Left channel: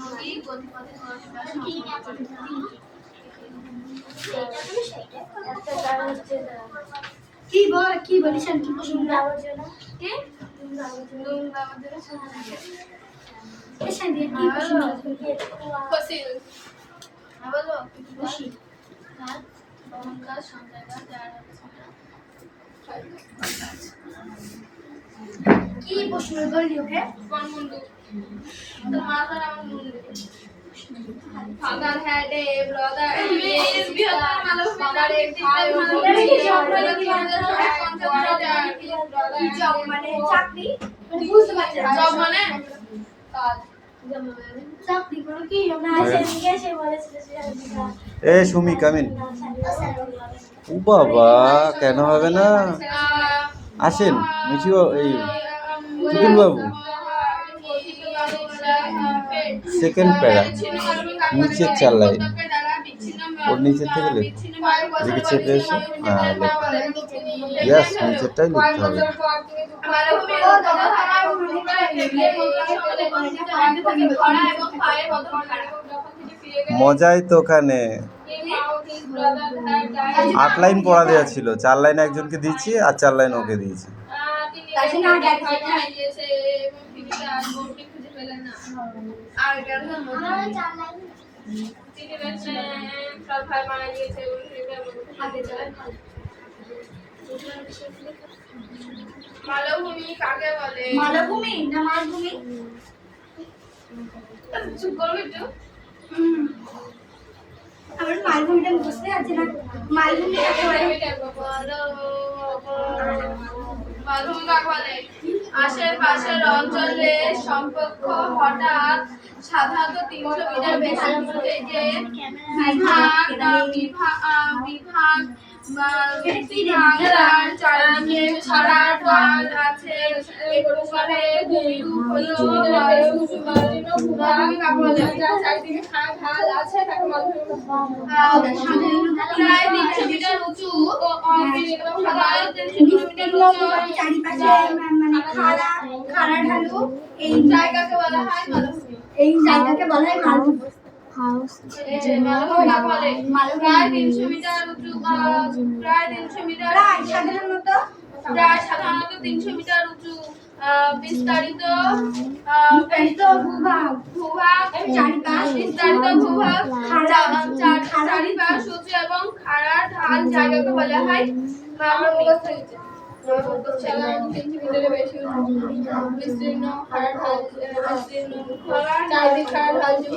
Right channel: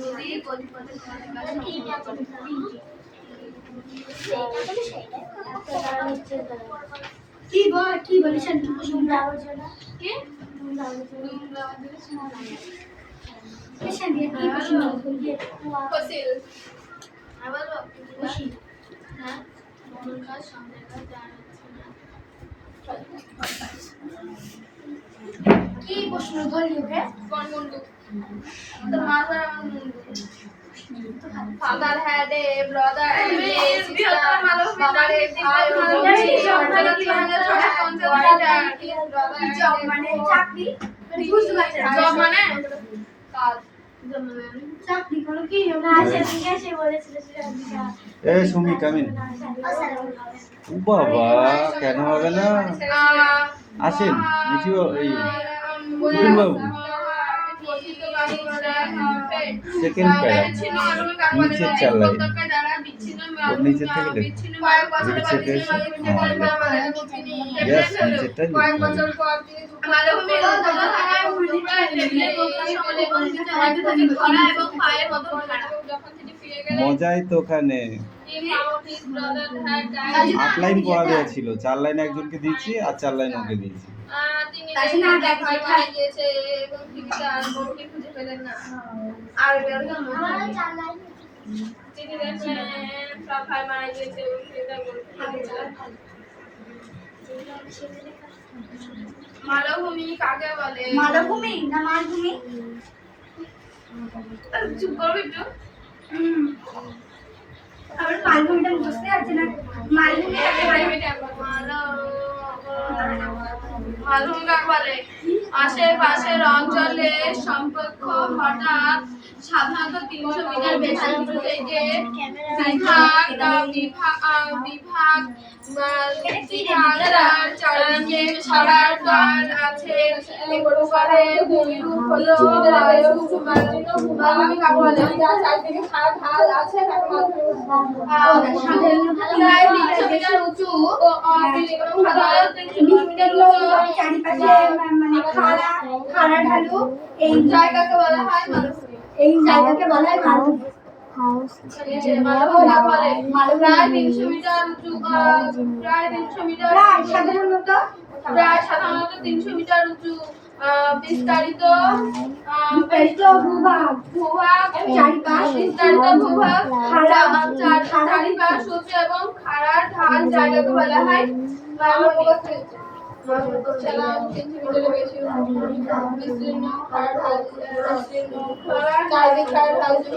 নদী গতিপথে কি বল কি বলিছেন কি প্রশ্ন আলোচনা কি দুমদা আমাদের শুনতে এসে দিয়ে কি প্রশ্ন দিয়ে ফসিল আমি বলবো খুশি হ্যাঁ ভ্রমণ কাজ সংজ্ঞা যার কি প্রশ্ন ধরলিও হে কোন মুন্ডু তো মাথার আমার মুন্ডু father had a brother and বিহতর মালুম বাবার এক জব মানে চাকরি বুঝতে পারছেন জব মানে কাজ চাকরি করো কি না সেদিকে সে বলেছিল সেদিকে এ সুমি কামিন ও বাবা কেন হবে না আসেন মিঠিও এই টুটুল বাবু সেকেন্ড প্যারা নিচের 4 লাইন ওর নিচের থেকে লিখ এদিকে চেপে এসে হ্যাঁ লেখ ইয়াস নিচেরটাই লিখতে হবে মজাই তো ওখানে 8 লাইন পড়া দেওয়া ছিল 4 লাইন একজনকে দিয়েছি আর 4 লাইন ওকে দিয়েছি মালভূমি কাকে বলে মালভূমি না মালভূমি চুপ করবি একটু আমার মালভূমিটা বুঝতে পারছি না মালভূমি কাকে বলে মালভূমি কাকে বলে আশেপাশের অঞ্চলে সম্পর্ক হঠাৎ সাধারণত 300 মিটার বেশি থেকে বিভাগ চারিদিকে সারার ঢাল আছে এই প্রকারে ভূমিরূপ হলো মালভূমি কাকে বলে যার চারিদিকে সারার ঢাল আছে তাকে মালভূমি প্রায় 300 মিটার উঁচু সাধারণত 300 মিটার উঁচু চারিপাশে মানে খাড়া ঢালু এই জায়গাকে বলা হয় মালভূমি এই জায়গাকে বলা হয় মালভূমি প্রায় 300 মিটার উঁচু প্রায় সাধারণত 300 মিটার উঁচু বিস্তারিত ভূভাগ চারিপাশ উঁচু এবং খাড়া ঢাল জায়গাকে বলা হয়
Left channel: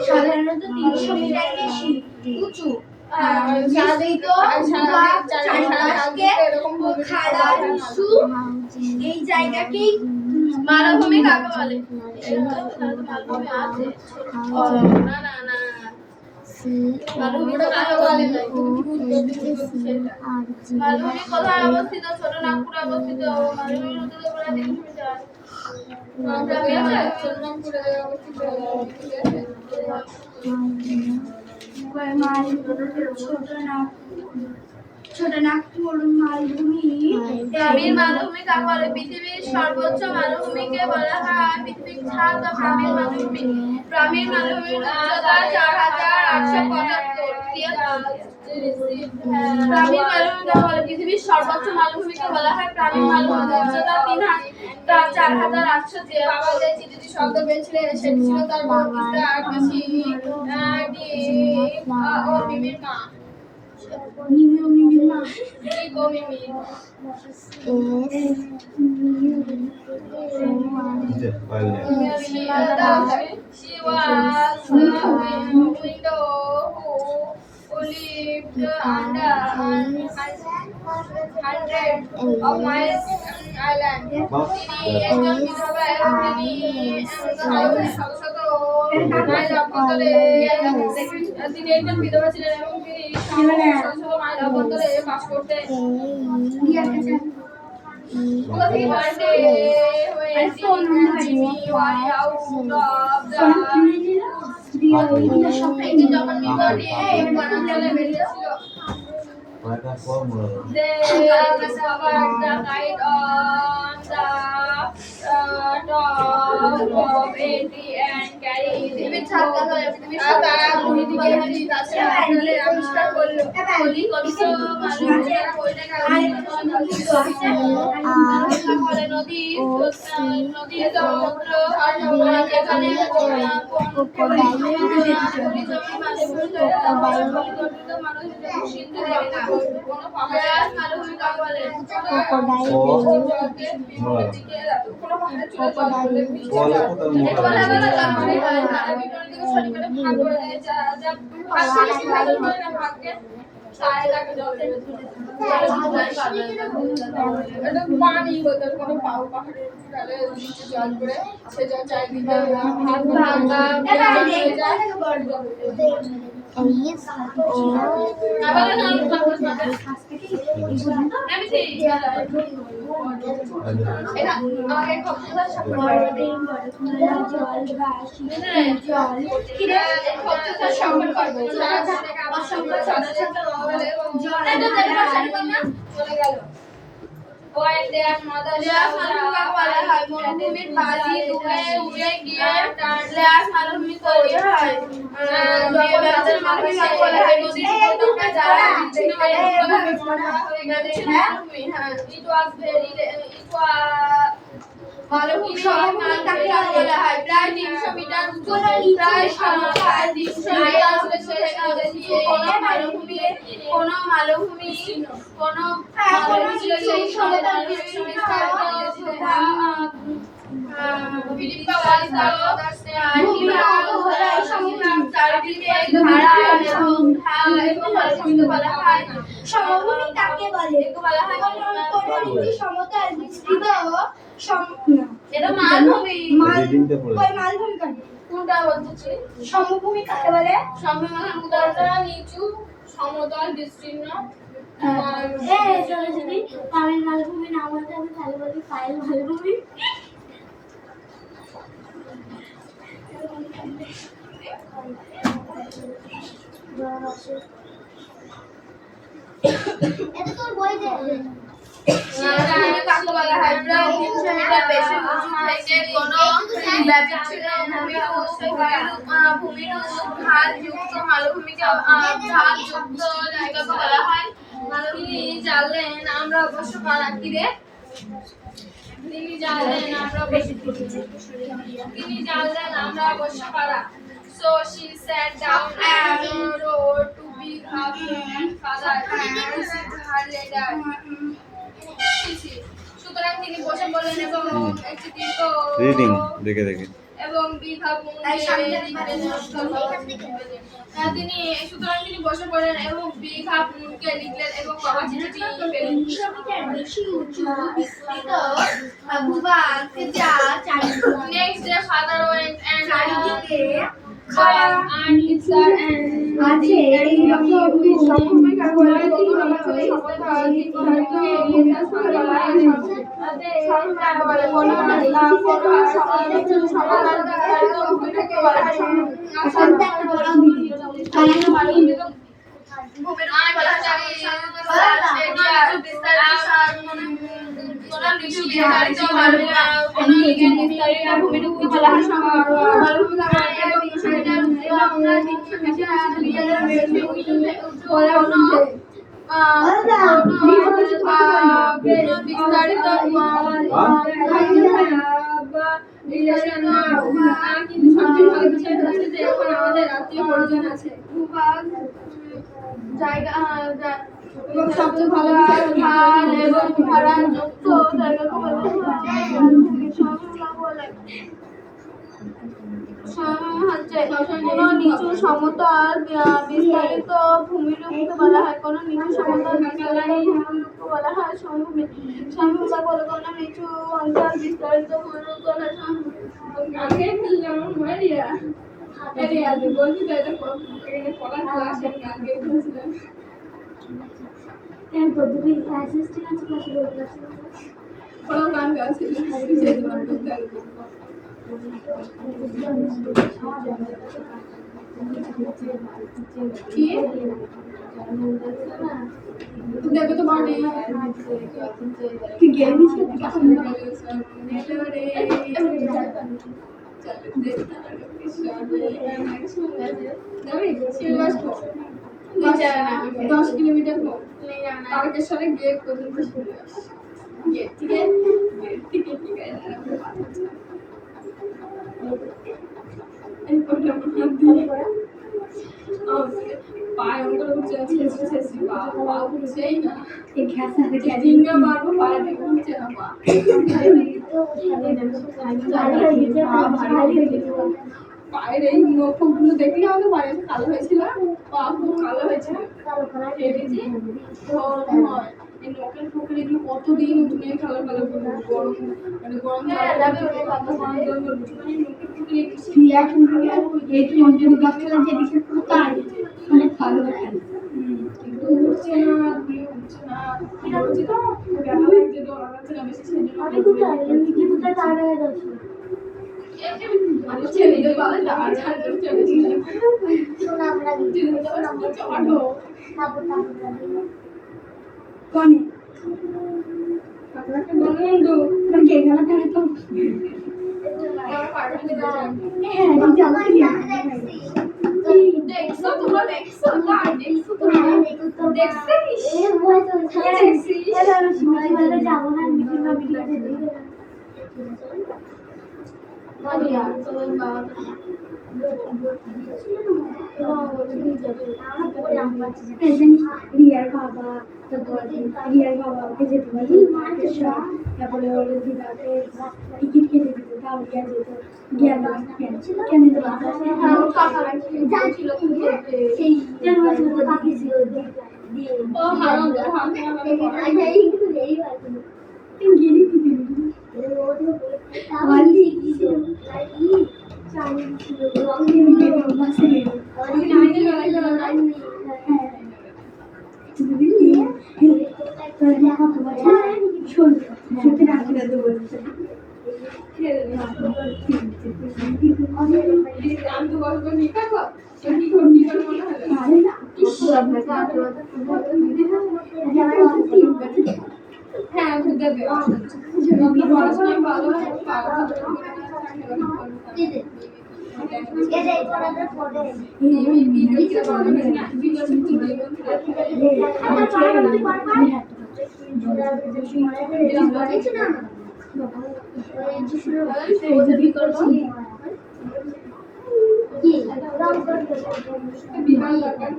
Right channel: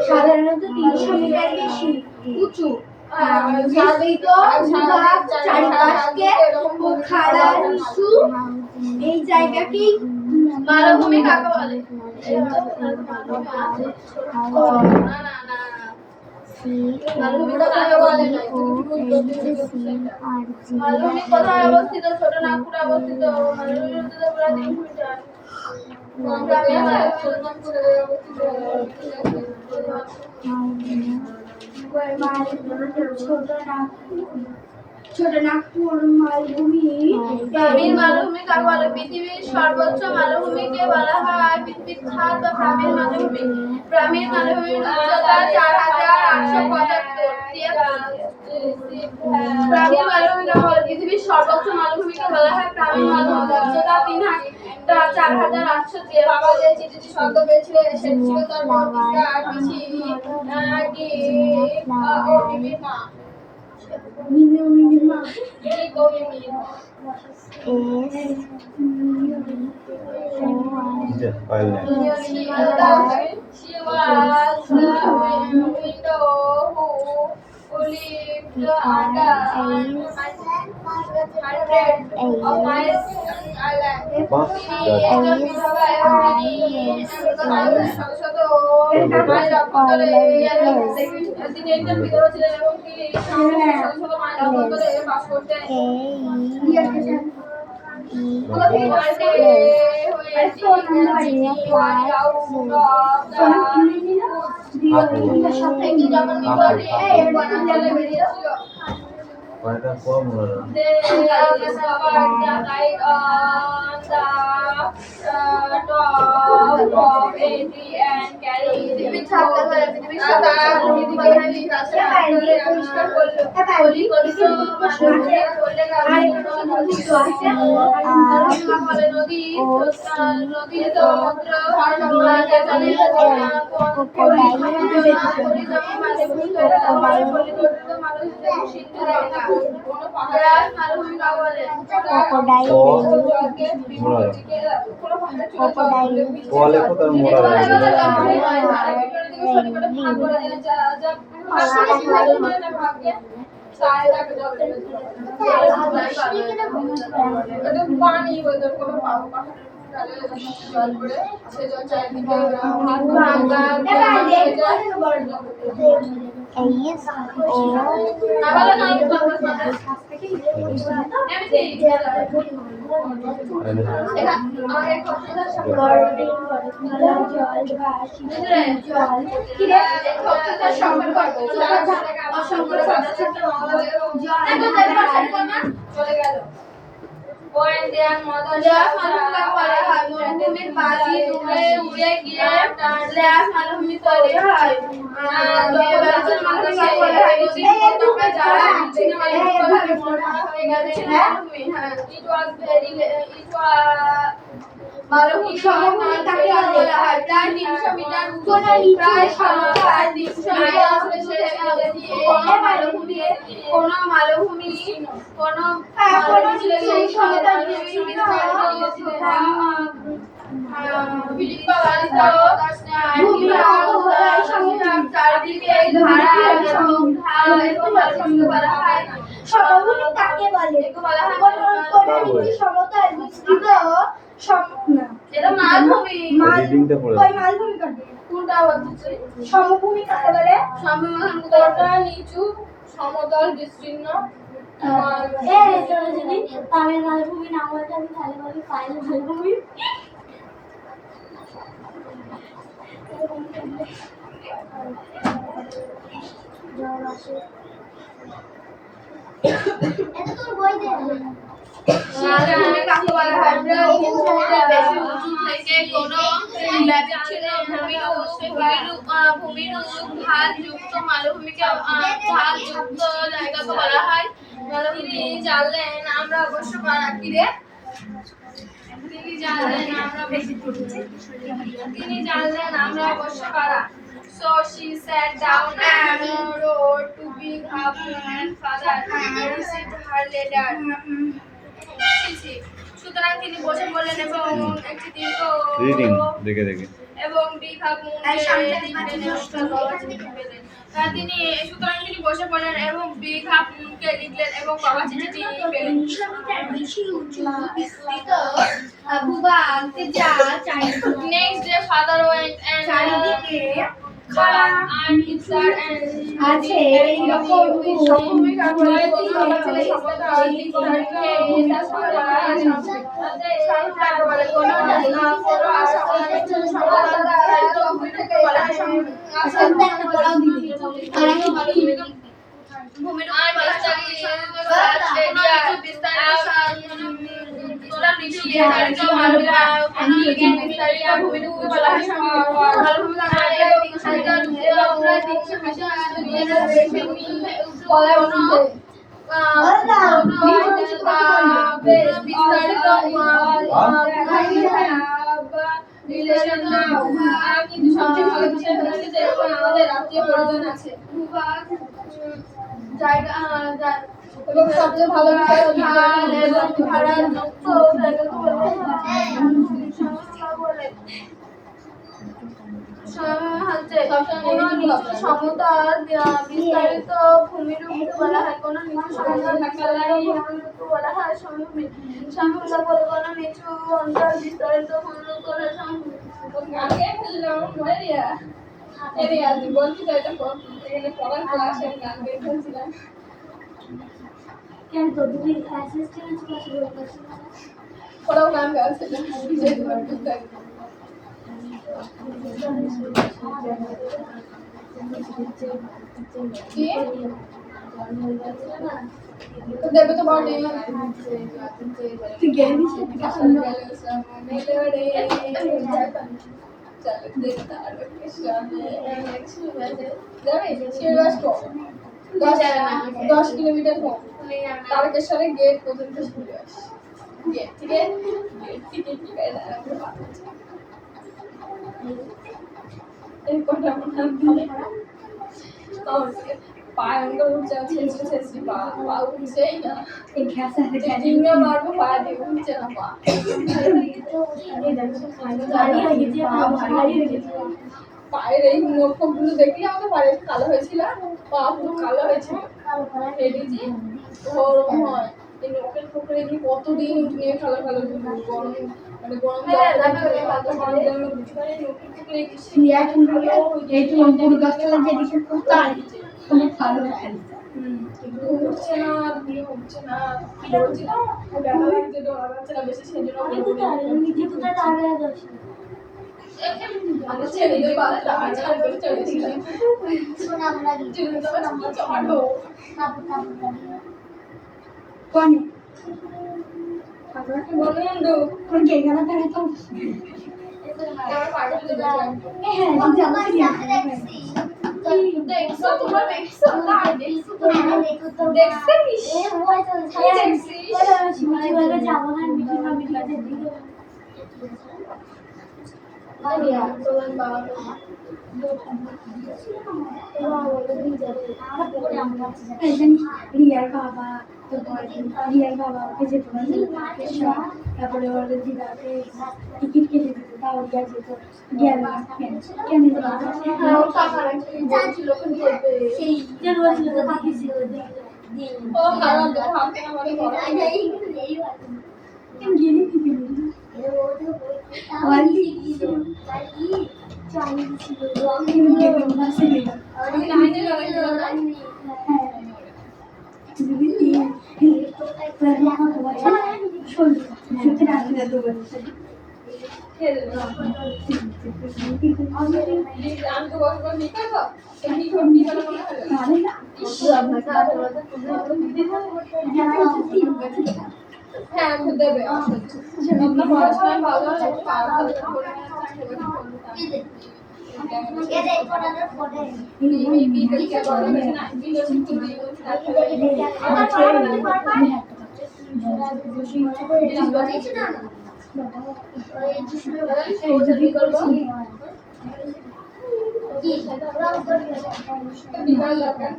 সাধারণত 300 মিটার বেশি উঁচু এই জায়গাকেই মালভূমি কাকে বলে মালভূমি কোথায় অবস্থিত ছোট নাগপুরে অবস্থিত মালভূমির উচ্চতা প্রায় 300 মিটার ছোট নাগপুর মালভূমি প্রামীর মালভূমি কাকে বলে পৃথিবীর সর্বোচ্চ মালভূমিকে বলা হয় পৃথিবীর ছাদ বা প্রামীর মালভূমি প্রামীর মালভূমির উচ্চতা 4877 প্রামীর মালভূমি কাকে বলে পৃথিবীর সর্বোচ্চ মালভূমিকে বলা হয় প্রামীর মালভূমি উচ্চতা 4877 বাবা যে চিঠিটি শব্দ পেয়েছিলেন সেটি ছিল তার বড় পিতা ও মিমির মা She was the widow who lived under 100 of miles island. তিনি একজন বিধবা এবং তিনি একজন বিধবা ছিলেন এবং তিনি 700 মাইল অভ্যন্তরে বাস করতেন। One day when she was out of the যখন বিপদে বনাঞ্চলে বেরিয়েছিল they discovered the light on the top of a tree and carried it পানি বোতল কোনো পাও পাহাড়ের ঢালে জল পড়ে সে জল চারিদিকে চলে গেল। When their mother মরুভূমির বালি ডুবে উড়ে গিয়ে লেয়াস মালভূমি তৈরি হয়। বেলাচের মালভূমি বলা হয় নদীর ডুবে যাওয়া বিচ্ছিন্নভাবে মরা হয়ে গেছে মালভূমি। It was মালভূমি সমভূমি কাকে বলা হয়? প্রায় 300 মিটার উঁচু, প্রায় 300 মিটার উঁচু কোন মালভূমি সেই সমতল ফিলিপ্পা বালিত চারিদিকে এবং বলা হয় সমভূমি কাকে বলে? কোন নিচু সমতল বিস্তৃত এটা মালভূমি। কই মালভূমি কাকে? কোনটা বলতেছি? সমভূমি কাকে বলে? সমভূমি নিচু সমতল বিস্তীর্ণ। যদি পায়েল মালভূমি না বলতে আমি তাহলে বলি পায়েল মালভূমি। এটা তোর বই দে। কাকে বলা হয়? প্রায় 300 মিটার বেশি উঁচু থেকে কোনো ব্যতিক্রমী ভূমিরূপ ঢালযুক্ত মালভূমিকে ঢালযুক্ত জায়গাকে বলা হয়। তিনি জানলেন আমরা অবশ্য পারা কি রে? তিনি জানলেন আমরা অবশ্য পারা। So she sat down and wrote to Big Hapun's father and received her letter. সুতরাং তিনি বসে পড়লেন এবং একটি দীর্ঘ এবং Big Hapunকে লিখলেন এবং বাবা চিঠিটি পেলেন। Next day father went and আছে এই রকম সমভূমি কাকে বলে? কিন্তু সবচেয়ে ভালো বিষয় হচ্ছে যে আমাদের আত্মীয় পরিজন আছে জায়গা এবং সবচেয়ে ভালো বিষয় এবং ভাড়ার যুক্ত জায়গাকে কোনো নিচু সমতল বিস্তারিত ভূমিরূপকে বলা হয়। কোনো নিচু সমতল বিস্তারিত ভূমিরূপকে বলা হয় সমভূমি। সমভূমি বলে কোনো নিচু অঞ্চল বিস্তারিত ভূমিরূপকে বলা হয় সমভূমি। আগে আমার মনে এরিয়া বলছি তো এটা এখানে পড়ার ক্লাস আমি আগে বলছিলাম। কেন তো দুই অ্যাসিস্ট্যান্ট আছে ক্লাসে বলতেছি ওরাও গান গাইছিল বিজয় দুবার বিস্তারিত কি তো দেবে তো বলে তুই গেলি সেটা রে চলে তার কৃষ্ণে অনেক সুন্দর যাবে সিরিয়াস কম 10 কিলোমিটার কম তারকেশ্বরে গেট পর্যন্ত চলে আসে গেট থেকে ঠিক আছে এই কোটা মনে দিয়ে পায়ে অঙ্কর উঠছে ছেছি পা উঠছেই না এই ঘাসা থেকে ডিঙ্গা মারবো পা দিয়ে উঠছে না পা পায়ের এই নখগুলো দেখলে আমাকে পায়ের কালো হয়েছিল পা পুরো কালো হয়েছিল ফেটেছি ওরকম হয় এই নখের ফোকের এগুলো কতদিন নিয়ে কালো কালো গরম মানে গরম জল মানে নখের ফোকের একটু অন্তর গাছটা যেদিকে কোথায় খুব ভালো খেলে উঠছে না দিয়ে উঠছে না কিরা হচ্ছে তো ব্যথা লাগছে তো লাগছে না বেশি সেজন্য আমি কোথায় নিজে কোথায় দাঁড়ায় যাচ্ছি আমি ছেড়ে দিয়ে পালে দাঁড়া ছাড় করে চলেছিলাম সোনা আমরা গিয়ে সোনা আমরা চড়ো তারপর কোনে আপনাকে বলুন তো কোন কে গানা ধরে তো এবার পাড়ে চলে যাচ্ছি হ্যাঁ জামাই দেখছো তোমরা দেখছো না দেখছো তো দেখছিস এ ভয় তো দেখছিস এবার আমি শুনছি বলে যাবো না মিটিং না মিটিং যেতে বাড়িয়া তোমার বাবা রিয়ার বাবা রিয়ার বাবা ওকে যেতে পারি তারপরে ওর দিদাকে টিকিট কেটে দিত তাও রিয়া যেত রিয়ার বাবা কেন সেই যেন বলছিল তো তাকে ছিল ও হারাম হারাম গেলি দিবি ওয়ালি ছিল চাই ছিল বাসে গেল সত্যি রাখি না বলছে আমি তো বলবো মিকা তো এমনি করবি করে মনে হয় আরে না হ্যাঁ খুদে দে আপনার পড়াশোনা ভালো হয় বিমান লাগান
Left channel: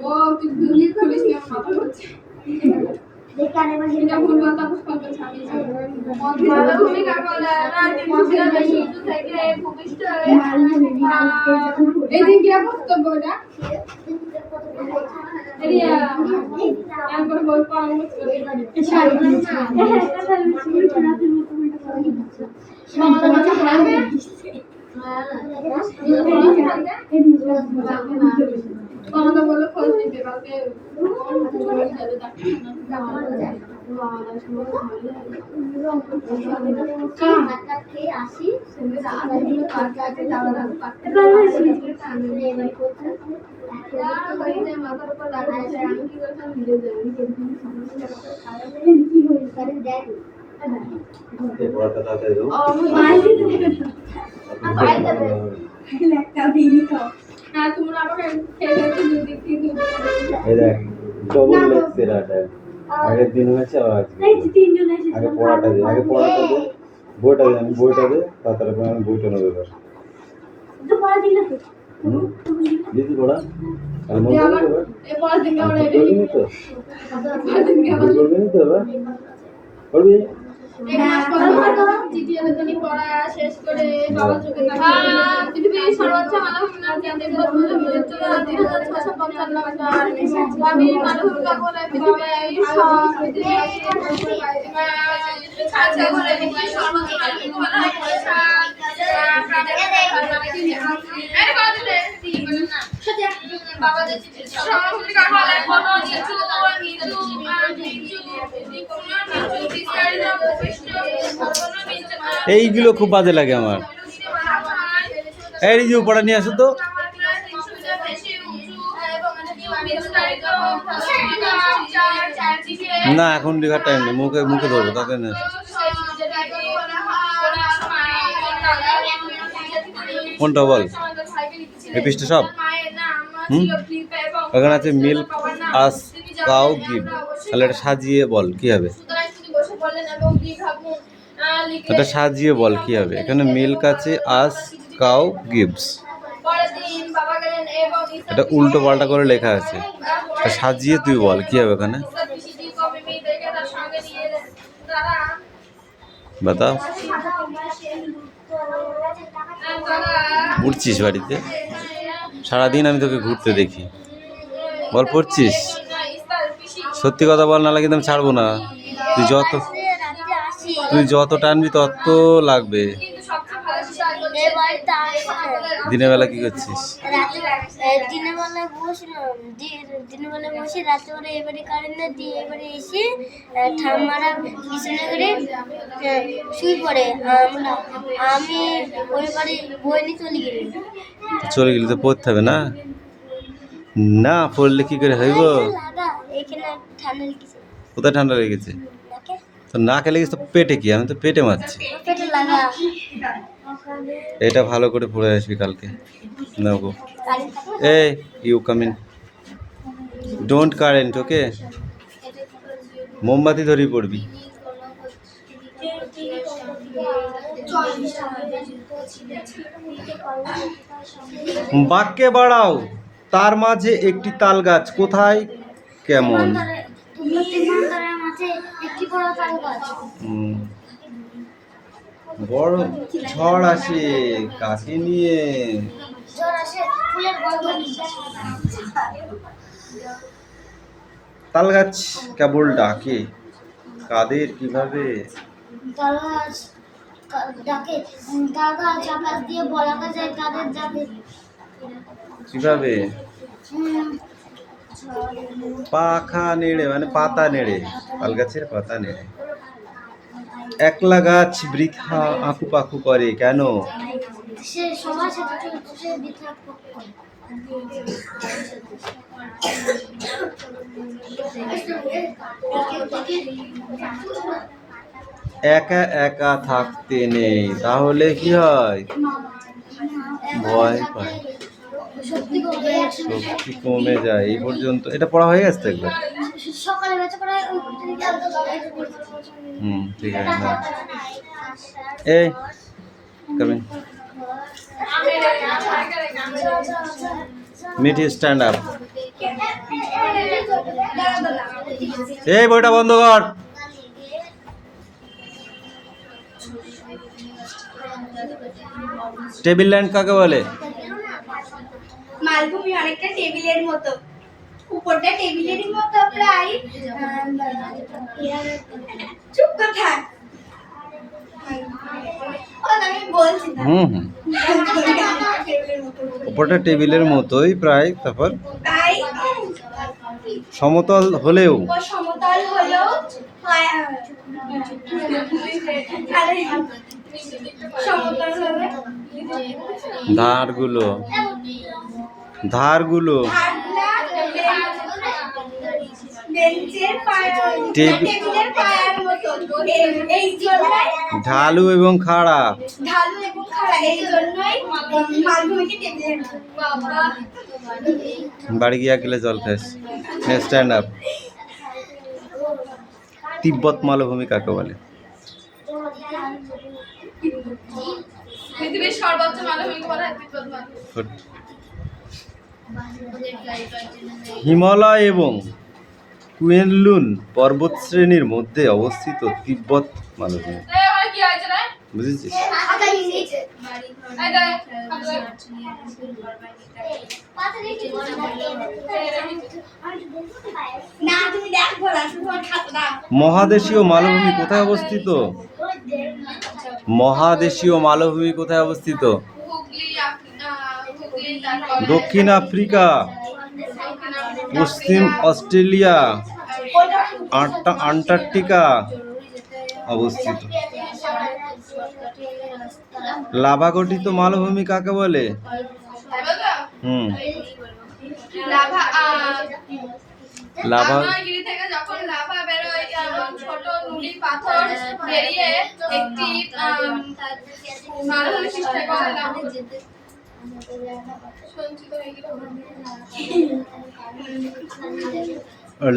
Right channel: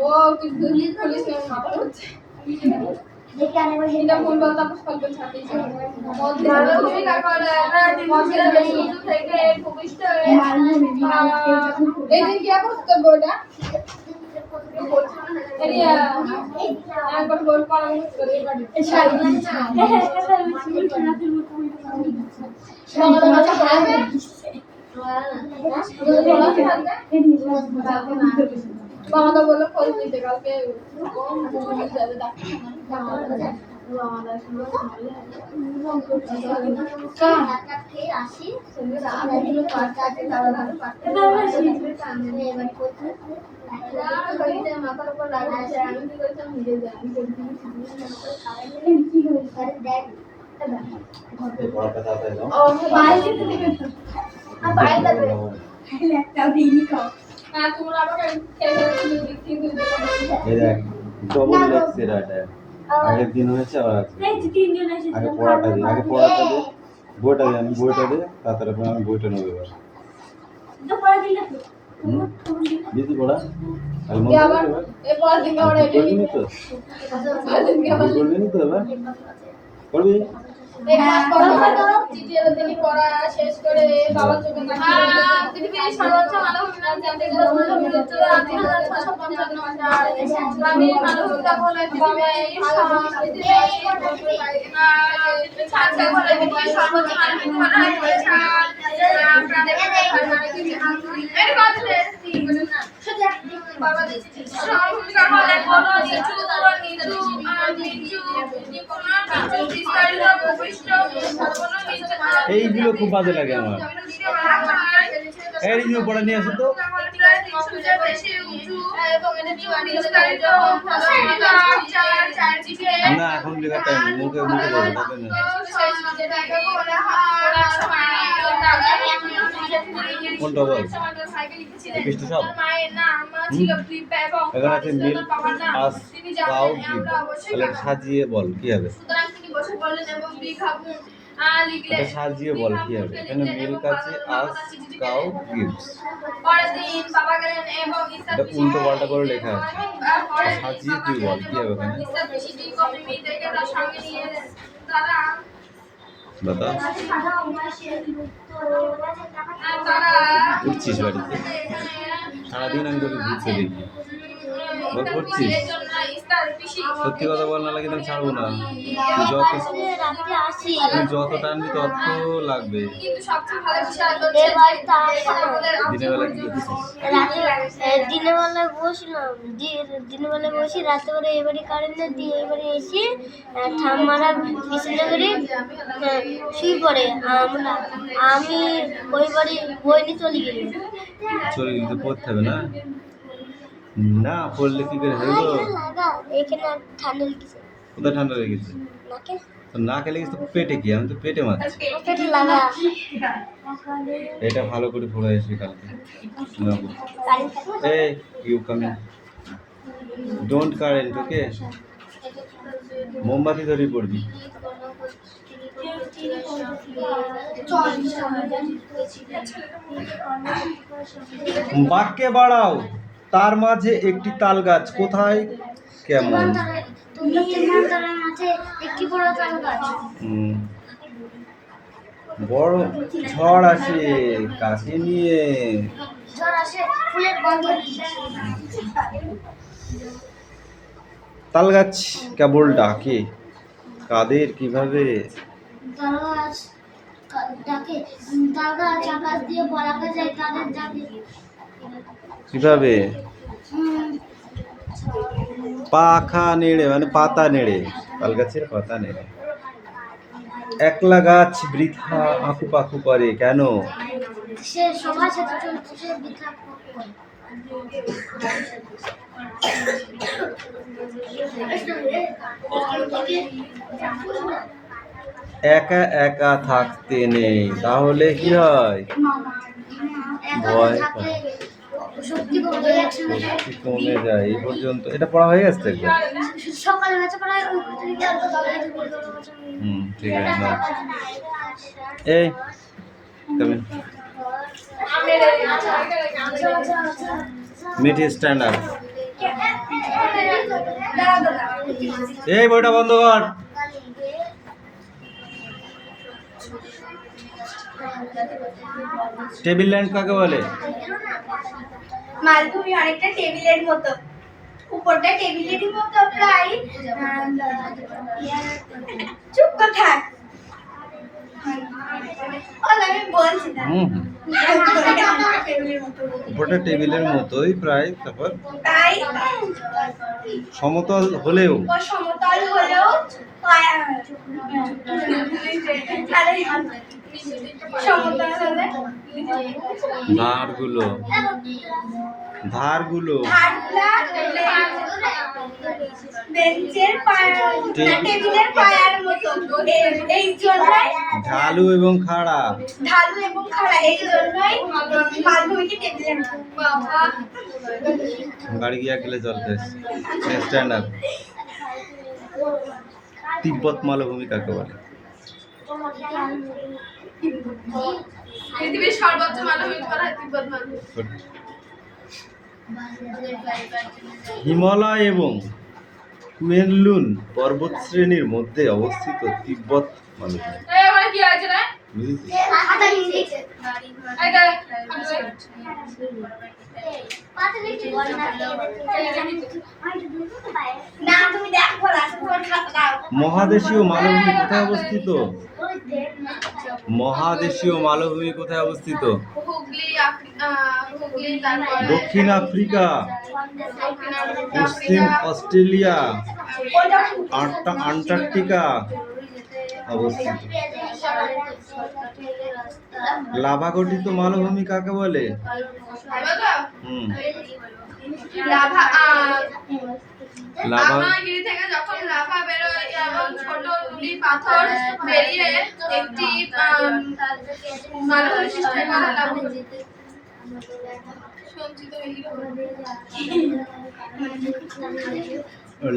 ও তুই ভুলি খুলিস না মাথা হচ্ছে এটা ভুল বলতা পুষ্পক ছাড়ি তুমি কাকলা না দিন বেশি থেকে ভূমিষ্ঠ এই দিন কি করতে বড়া এরিয়া একবার বল পড়ানো করে বাবা বললো খোঁজ নিতে কালকে মাথার উপর লাগাচ্ছে আমি কি করতাম নিজে জানি এই পড়াটা তাড়াতাড়ি দাও হ্যাঁ তোমরা আমাকে খেয়ে দিক থেকে এই দেখ ডবল লেগস এটা আগের দিন হয়েছে আর আগে পড়াটা দে বইটা দে আমি বইটা দে তারপরে আমি বইটা নেবো এবার দিদি পড়া আর মন করে এরপর দিনকে আমরা এটা করবি না তো করবি না তো এবার করবি এক মাস পর চিঠি এলো তিনি পড়া শেষ করে বাবা চোখে তাকিয়ে পৃথিবীর সর্বোচ্চ মানববিজ্ঞান কেন্দ্রে বলল মৃত্যু 3655 মিটার আমি মানববিজ্ঞান বলে পৃথিবীর ছাড়ছে ঘরে সর্বোচ্চ মানববিজ্ঞান হয় পড়েছে আপনাদের মানে কি এই কথা দিই বলেন না বাবা যে চিঠি সর্বোচ্চ বলে কোনো নিচু এইগুলো খুব বাজে লাগে আমার এই রিজু পড়া নিয়ে আসো তো না এখন লেখার টাইম নেই মুখে ধরবো তাকে না কোনটা বল? এই পৃষ্ঠে সব? এখানে আছে মিল্ক আস কাউ গিভ, তাহলে এটা সাজিয়ে বল কি হবে? এটা সাজিয়ে বল কি হবে? এখানে মিল্ক আছে, আস কাউ গিভস, এটা উল্টো পাল্টা করে লেখা আছে, এটা সাজিয়ে তুই বল কি হবে এখানে? বাতা উঠছিস বাড়িতে? সারাদিন আমি তোকে ঘুরতে দেখি, বল পড়ছিস? সত্যি কথা বল, না লাগে আমি ছাড়বো না। তুই যত টানবি তত লাগবে। দিনের বেলা কি করছিস? দিনের বেলায় বসলাম, দিনের বেলায় বসে রাত্রেবেলা এবারে কারেন্ট দিয়ে এবারে এসে ঠাম্মারা বিছানা করে শুয়ে পড়ে, আমি ওই বাড়ি বই নিয়ে চলে গেলি। চলে গেলি তো পড়তে হবে না? না পড়লে কি করে হইব? এখানে ঠান্ডা লেগেছে। কোথায় ঠান্ডা লেগেছে? নাকে। তো নাকে লেগেছে তো পেটে কি? আমি তো পেটে মারছি। পেটে লাগা। এটা ভালো করে পড়ে আসবি কালকে। নেবো। এই you come in, don't current, okay? মোমবাতি ধরেই পড়বি। বাক্যে বাড়াও, তার মাঝে একটি তাল গাছ কোথায় কেমন? বড় ঝড় আসে কাকে নিয়ে? তাল গাছ কেবল ডাকে, কাদের কিভাবে? তাল গাছ আকাশ দিয়ে বলা যায় কাদের যাবে কিভাবে? পাখা নেড়ে, মানে পাতা নেড়ে, তাল গাছের পাতা নেড়ে। একলা গাছ বৃথা আঁকু পাকু করে কেন? সে সবার সাথে সে বৃথা করে। একা একা থাকতে নেই, তাহলে কি হয়? ভয় পায়, শক্তি কমে যায়। এই পর্যন্ত এটা পড়া হয়ে গেছে একবার? সকালে বেঁচে পড়া ঠিক আছে না। এই কামিন, মিট স্ট্যান্ড আপ। এই বইটা বন্ধ কর। টেবিল ল্যান্ড কাকে বলে? মালভূমি অনেকটা টেবিলের মতো, উপরটা টেবিলেরই মতো প্রায়। চুপ করে থাক, আমি বলছি না। উপরটা টেবিলের মতোই প্রায়, তারপর তাই সমতল হলেও সমতল হলেও সমতল হলে ধারগুলো বেঞ্চের টেবিলের পায়ার মতো, এই জন্যই ঢালু এবং খাড়া, এই জন্যই মালভূমিকে টেবিলের বাবা। বাড়ি গিয়ে গেলে জল খাস। Stand up. তিব্বত মালভূমি কাকে বলে? পৃথিবীর সর্বোচ্চ মালভূমি বলা হয় তিব্বত মালভূমি। হিমালয় এবং কুয়েনলুন পর্বতশ্রেণীর মধ্যে অবস্থিত তিব্বত মালভূমি। বুঝেছিস? মহাদেশীয় মালভূমি কোথায় অবস্থিত? মহাদেশীয় মালভূমি কোথায় অবস্থিত? দক্ষিণ আফ্রিকা, পশ্চিম অস্ট্রেলিয়া, আন্টার্কটিকা অবস্থিত। লাভা গঠিত মালভূমি কাকে বলে? লাভা আগ্নেয়গিরি থেকে যখন লাভা বেরোয় এবং ছোট নুড়ি পাথর বেরিয়ে একটি মালভূমি সৃষ্টি করে সঞ্চিত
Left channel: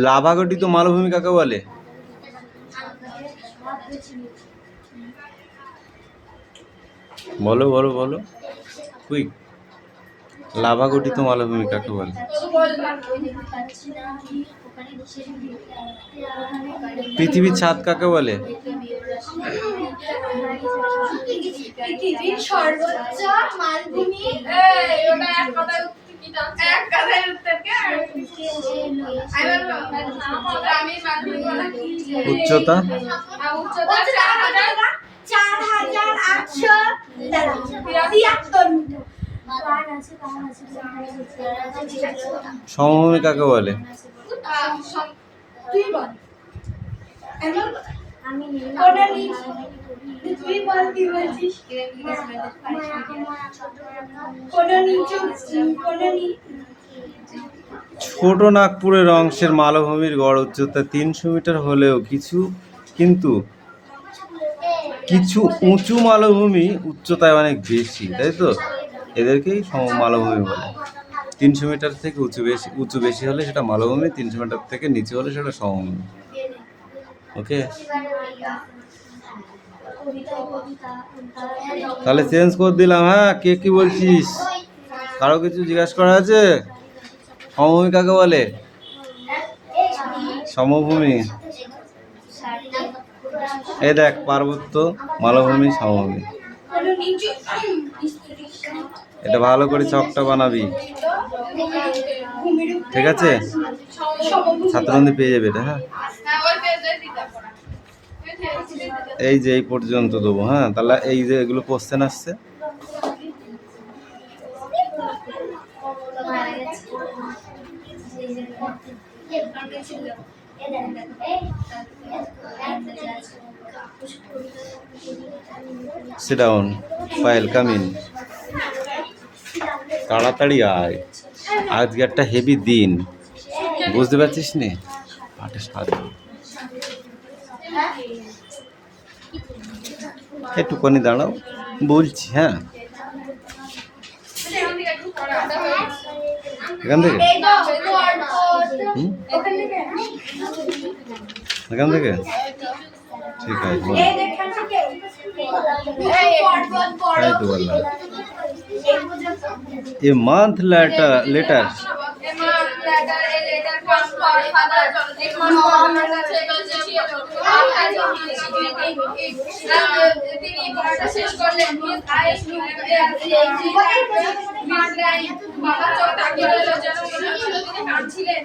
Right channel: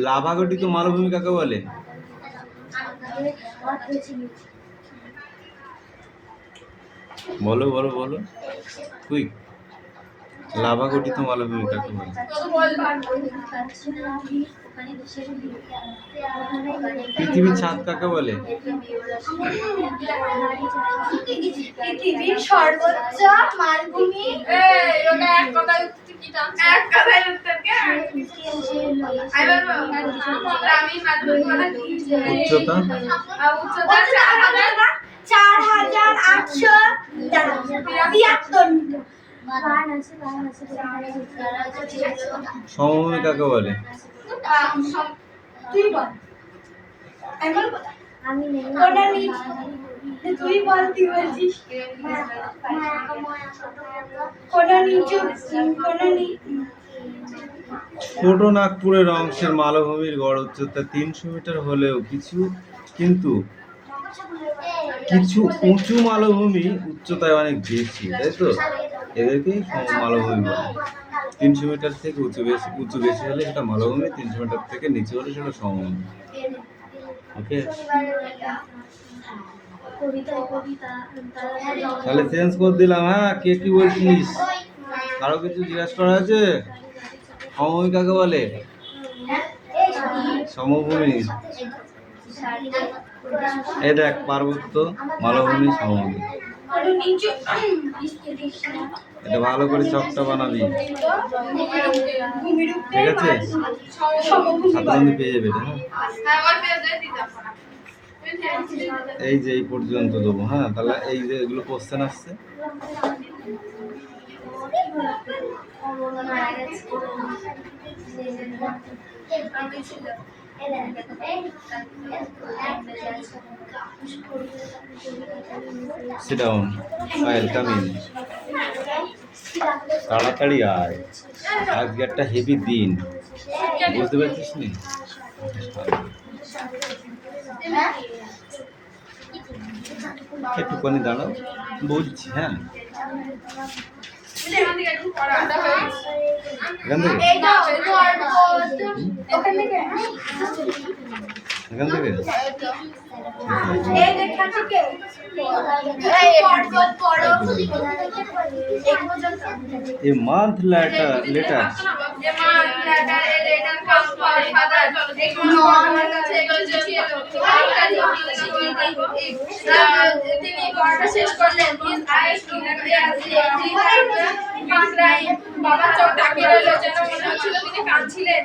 লাভা গঠিত মালভূমি কাকে বলে? বলো বলো বলো, কুইক। লাভা গঠিত মালভূমি কাকে বলে? পৃথিবীর ছাদ কাকে বলে? পৃথিবীর সর্বোচ্চ মালভূমি। ওটা এক কথায় উত্তর কি জানো? এক কথায় উত্তর কে? আমি মালভূমি বলা কি? উচ্চতা? উচ্চতা 4873 মিটার। সমভূমি কাকে বলে? তুই বল। আমি তুই বল, তুই বলছিস। ছোট নাগপুরের অংশের মালভূমির গড় উচ্চতা 300 মিটার হলেও কিছু উঁচু মালভূমি উচ্চতায় অনেক বেশি, তাই তো? এদেরকেই মালভূমি বলে। 300 মিটার থেকে উঁচু বেশি হলে সেটা মালভূমি, 300 মিটার থেকে নিচু হলে সেটা সমভূমি। ওকে, তাহলে চেঞ্জ করে দিলাম। হ্যাঁ, কে কি বলছিস? কারো কিছু জিজ্ঞাসা করা আছে? সমভূমি কাকে বলে? সমভূমি। এই দেখ, পার্বত্য, মালভূমি, সমভূমি। এটা ভালো করে চকটা বানাবি, ঠিক আছে? ছাত্রবন্ধু পেয়ে যাবে এটা। হ্যাঁ, এই যে এই পর্যন্ত দেবো। হ্যাঁ, তাহলে এই যে এগুলো কোশ্চেন আসছে, sit down, ফাইল কামিং। তাড়াতাড়ি আয়, আজকে একটা হেভি দিন, বুঝতে পারছিস নে? একটুখানি দাঁড়াও, বলছি। হ্যাঁ, এখান থেকে এখান থেকে ঠিক আছে। A month later তিনি পড়াটা শেষ করলেন। বাবা চোখ তাকিয়ে রইল, যেন মনে হচ্ছিল তিনি কাঁদছিলেন।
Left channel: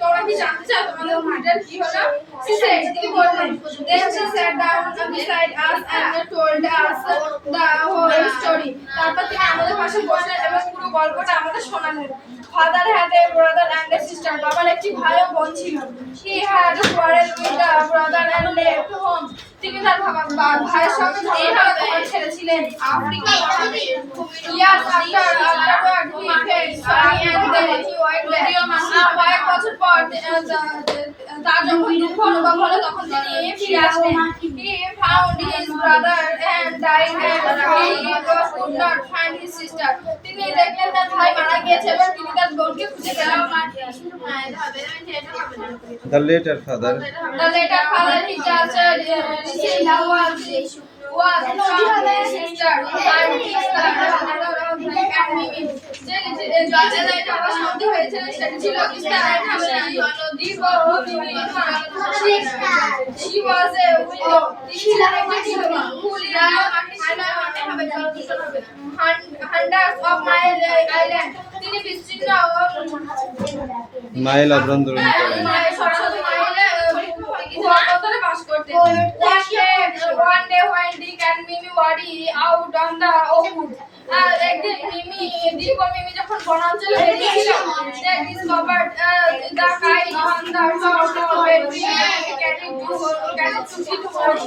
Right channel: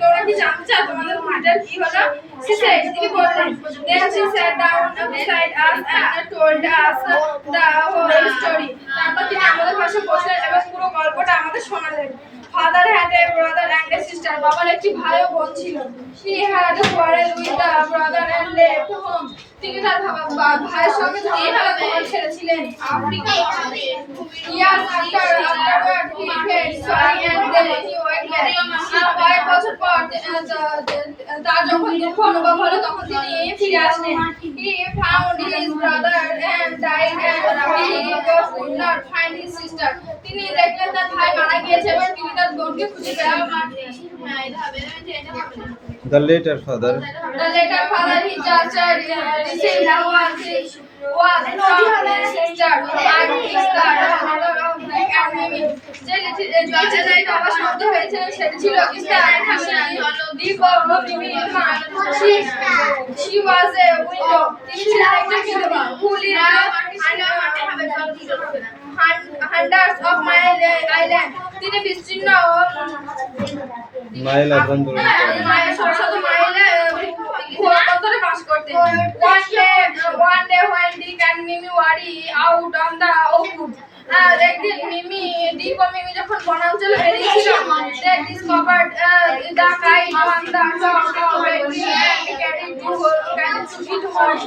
তোমরা কি জানতে চাও তোমাদের মাটার কি হলো? তিনি বললেন। Then she sat down beside us and told us the whole story. তারপর তিনি আমাদের পাশে বসলেন এবং পুরো গল্পটা আমাদের শোনালেন। Father had a brother and a sister. বাবার একটি ভাই ও বোন ছিল। He had quarreled with the brother and left home. তিনি তার ভাইয়ের সঙ্গে ঝগড়া করে ঘর ছেড়েছিলেন। Years afterward he felt sorry and then he went back. কয়েক বছর পর তার যখন দুঃখ অনুভব হলো তখন তিনি ফিরে আসলেন। He found his brother and died and he could not find his sister. তিনি দেখলেন তার ভাই মারা গিয়েছে এবং তিনি তার বোনকে খুঁজে পেলেন না। The later father he just received was from his sister and his mother of Nick and Mimi. যে আমার সন্দেহ হয়েছে সেটি ছিল ইস্তার She was a widow. তিনি ছিলেন একজন বিধবা who lived hundreds of miles island. তিনি বিস্তীর্ণ মাইল অভ্যন্তরীণ শত মাইলে ভূখণ্ডে বাস করতেন। One day when Dick and Mimi were out on the wood, আর একদিন মিমি দীপ আর মিমি যখন বনাঞ্চলে বেরিয়েছিল they discovered the kite on the top of a tree and carried to it home.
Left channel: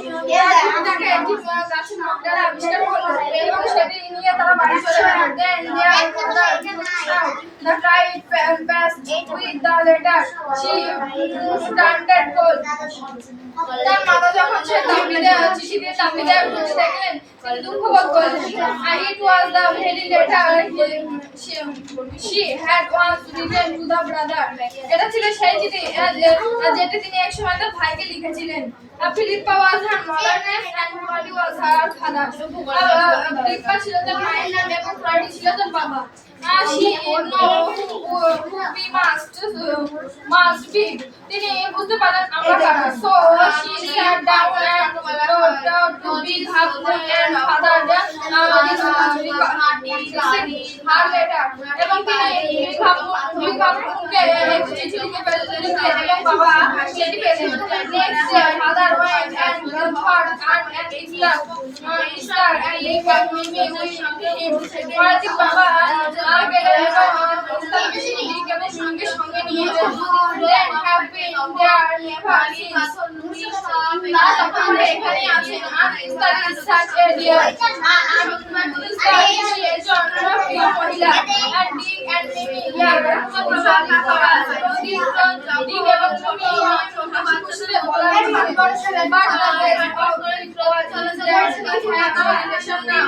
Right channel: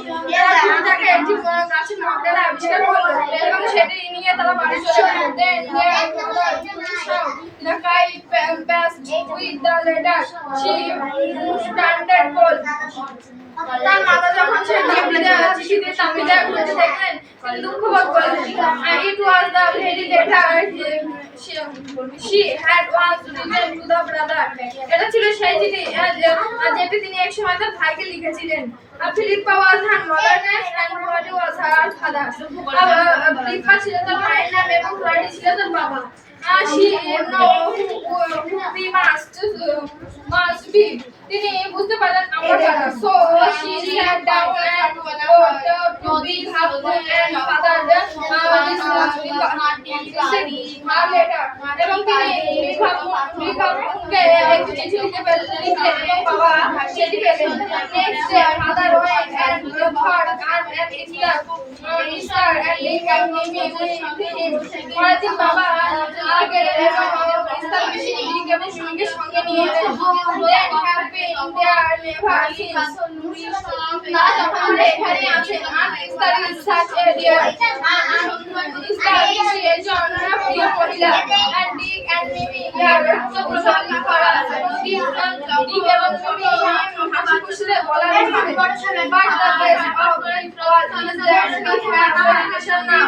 তাকে একটি গাছের মধ্যে আবিষ্কার করলো এবং সেটি নিয়ে তারা বাড়ি চলে গেল। Then their mother the kite passed with the letter. She started cold. তার মাতা যখন সে চিঠি দিয়ে তাবিদে খুঁজে দেখলেন তিনি দুঃখ বোধ করলেন। It was the very letter she had once written to the brother. এটা ছিল সেই চিঠি যেটি তিনি এক সময় তার ভাইকে লিখেছিলেন। Philippa was her mother name and Claude was her father. Philippa ছিল তার মায়ের নাম এবং Claude ছিল তার বাবা। She know who we must be. তিনি বুঝতে পারলেন আমরা কারা। So she sat down and wrote to big husband and father this her letter. এবং তিনি big husbandকে একটি চিঠি লিখে এবং বাবা সেটি পেলেন। Next day father went and thought and Esther and Nick and Mimi with him. পরের দিন বাবা গেলেন এবং ইস্তার নিক এবং মিমিকে সঙ্গে নিয়ে এলেন। Then have been there never since. তারা তখন এখানে আছেন। আর ইস্তার is such a dear. ইস্তার একজন প্রিয় মহিলা। And Nick and Mimi are প্রশংসা করা। নিক এবং মিমি হাসি খুশিতে বলা হয়েছে। But the best of it was that we have a relation now.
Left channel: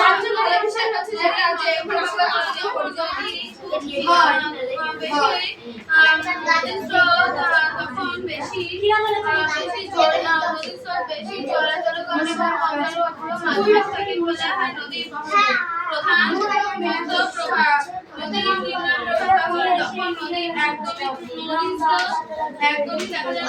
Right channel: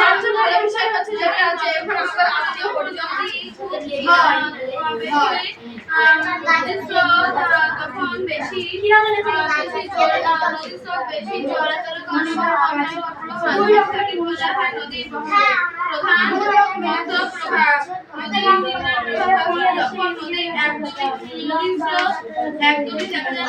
সবচেয়ে ভালো বিষয় হচ্ছে যেটা আছে এখন আমরা আত্মীয় পরিজন হয়। তখন বেশি চলাচল নদীর প্রধান প্রভাব যখন নদীর একদমই দেখা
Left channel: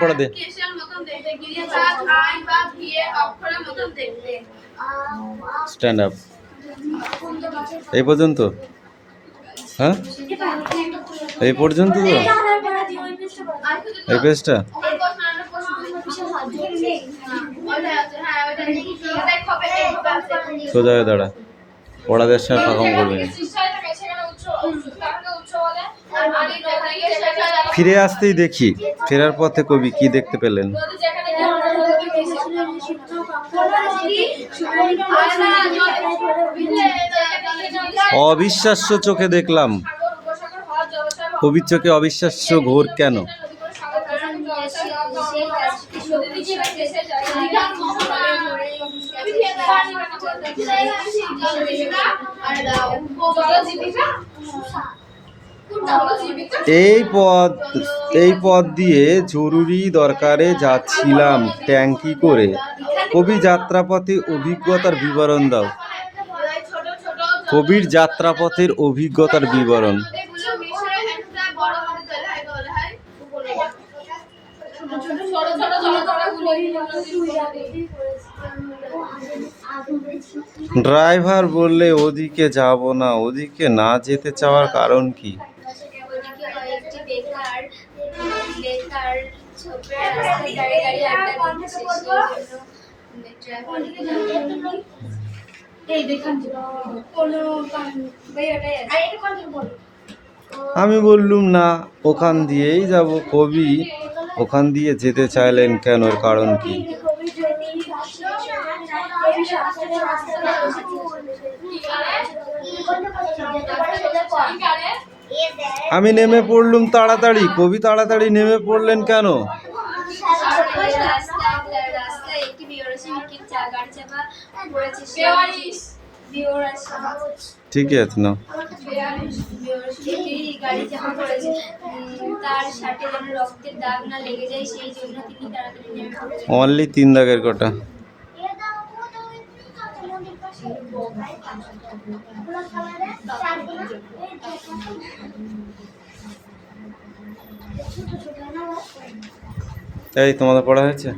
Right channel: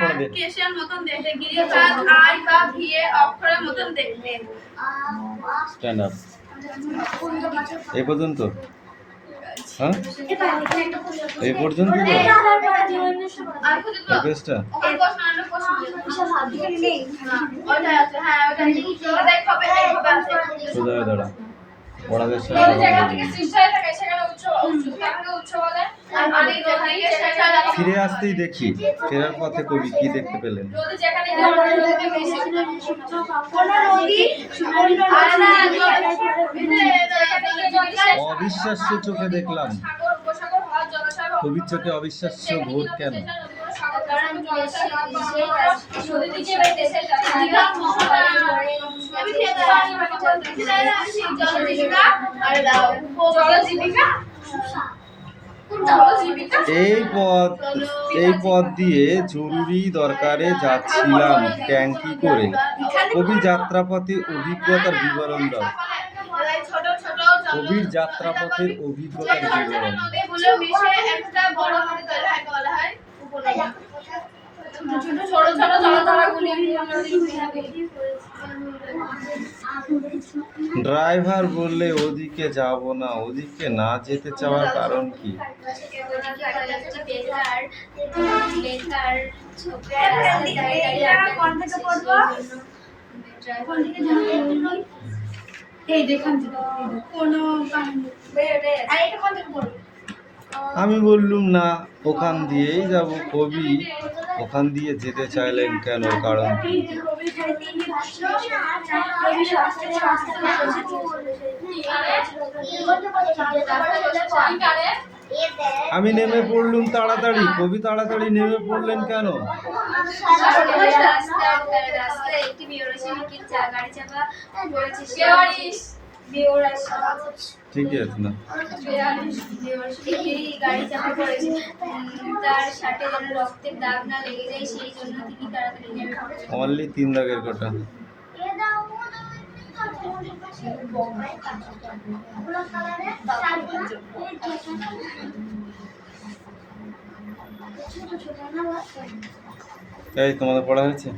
পড়ে দে কেশের মতন দেখতে গিরিচাঁদ আই বা ভিয়ে অক্ষরের মতন দেখতে। স্ট্যান্ড আপ এই পর্যন্ত হ্যাঁ এই পর্যন্ত তো এই পেজটা সোজা হয়ে দাঁড়া পড়াদের সাথে কথা বলবি ফিরে আসতেই দেখি ফেরার পথে কবি কি দেখতে পেলেন অবিশ্বাস্য চোখে দেখলাম কবির চোখে অবিশ্বাস্য ঘোর কেন এই পথ দিয়ে জরুরি দরকারে যাচ্ছিলাম ট্যাঙ্কি করে কবি যাত্রাপথে অভিজ্ঞতার বিবরণ দাও কবির যাত্রাপথের অভিজ্ঞতার বিবরণ ড্রাইভার বললে ওদিকে যাব না ওদিকে না যেতে চাওয়ার কারণ কি আমি বললুম না ওখান দিয়েই যাব কবি ওখান দিয়ে যেতে চাইলেন কেন কারণ কি আমি নেমে পড়লুম তাড়াতাড়ি কবি তাড়াতাড়ি নেমে পড়লেন কেন ঠিকই আছে না গাড়ি চাপা পড়েছে তার শার্টে যেন রক্তের দাগ না লেগে যায় সেই জন্য তিনি তাড়াতাড়ি নেমে পড়লেন অনলি 3 দাগের কটা এই তোমাদের পড়া হয়েছে